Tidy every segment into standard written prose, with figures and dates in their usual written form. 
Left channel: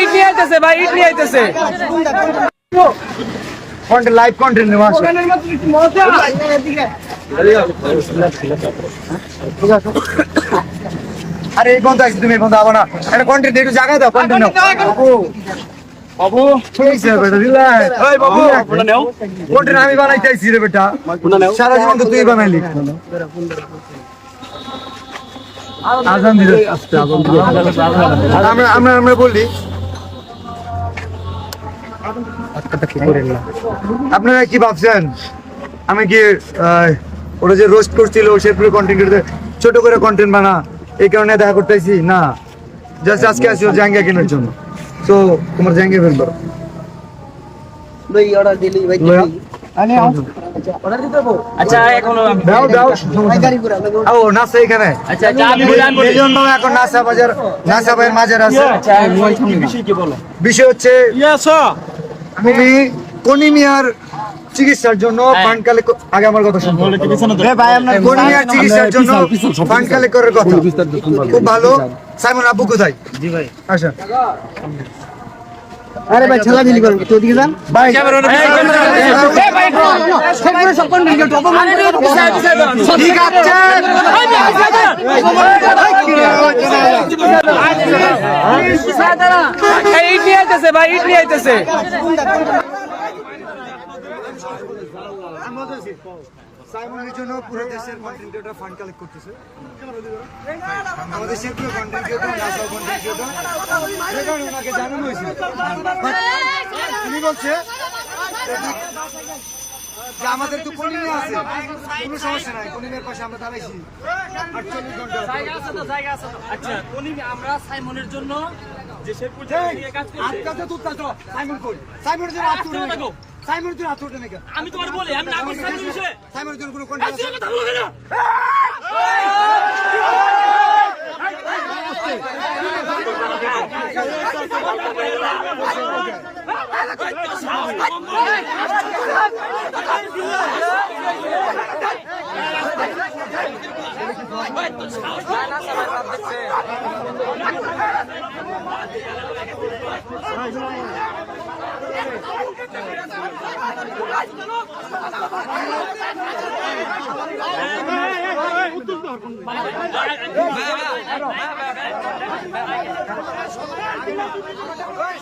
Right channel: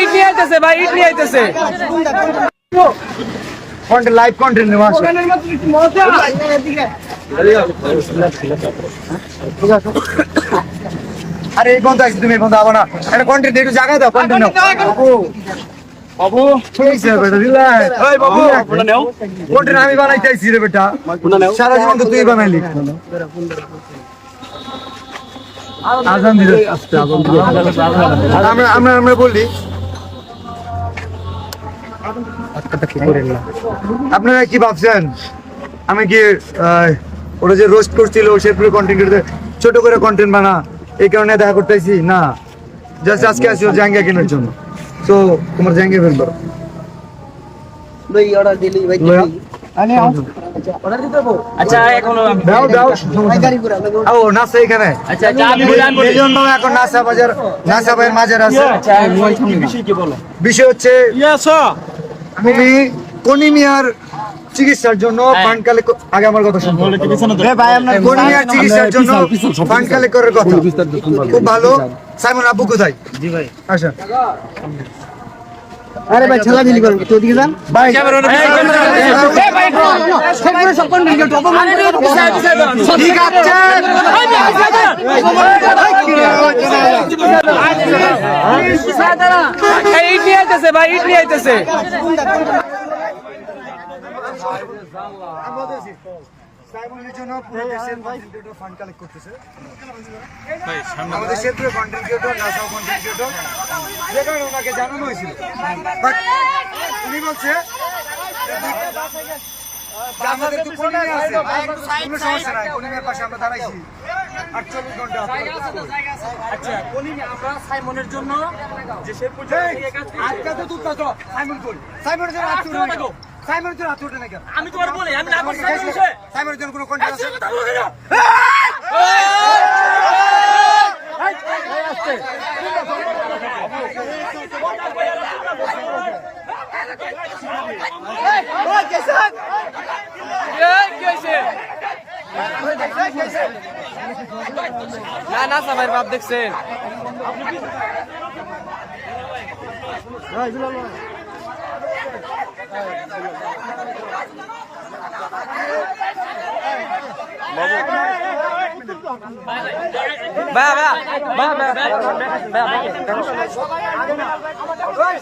ইট নিয়ে আইতেছে ভাই, ইট নিয়ে আইতেছে। লাইভ কন্টেন্ট নেওয়া আছে। আরে এই বন্ধ আছে, তুমি বন্ধ আবার না, এটা কন্টেন্ট একটু জায়গা দাও, কন্টেন্ট নাও বাবু। ঠিক আছে বেটা, রিল্যাক্স। এই বাবু কোনটা নাও, কন্টেন্ট আমি বানাইতেছি রে বেটা, সারা জীবন তো তুই বানাইলি। আজান দিলে আস্তে, আজান দিলে আমরা বলি আপনারা কি ভাবছেন আমি কি ওরা যে রোস্ট করছিল শেরপুরে কন্টেন্ট ছোট করে কন্টেন্ট বানা এই কারণে দেখা করতেছি না, জাস্ট আজকে আসি ওর জাঙ্গিয়া কেনার জন্য। তো তোমার জাঙ্গিয়া ফেলবো আচ্ছা এখন দাও দাও ও নাসা এখানে। আচ্ছা এখন নাসা বাজার, নাসা ভাইয়ের মাজার আছে। বিষয় হচ্ছে তুমি কোনি মিয়ার চিকিৎসার জন্য ফান্ড কালেক্ট, আগে আমার কথা শুনুন ভাই, আপনার কোনি মিয়ার চিকিৎসার জন্য ফান্ড কালেক্ট করার কথা, খুব ভালো। সাইমন আব্বু কোথায়? জি ভাই আচ্ছা। আরে ভাই ছেলা দিলি কর, তো দিকে যান ভাই। ঠিক আছে ইট নিয়ে আইতেছে ভাই, ইট নিয়ে আইতেছে। সাইমনের জন্য পুরো দেশের কন্টেন্ট ক্রিয়েটর ফান্ড কালেক্ট করতেছে। আমাদের শেরপুরে কন্টেন্ট ক্রিয়েটর, নাসাও কন্টেন্ট ক্রিয়েটর, যে কারণে ওনাকে জানানো হয়েছিল, বাট উনি বলছে যে আমাদের তো কলিমে আছে, কোনো সমস্যা নাই, কলিমের পাশে আমরা দাঁড়াইছি 48 ঘন্টা। আচ্ছা কলিমে আমরা সাইমনের জন্য যে শেরপুর কাজ করছি, আজকে তো তুই সাইমন কই, সাইমনের জন্য আত্মীয় থাকো, সাইমনের জন্য আত্মীয় নাকি আমি তোমার বলি, আমি না করছি সাইমনের বিষয়ে, সাইমনের জন্য কোনো কন্টেন্ট আছে? কথা বলো না। না সবাই বাপ দেখছে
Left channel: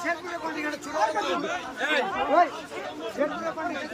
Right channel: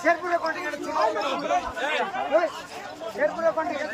শেরপুরে কন্টেন্ট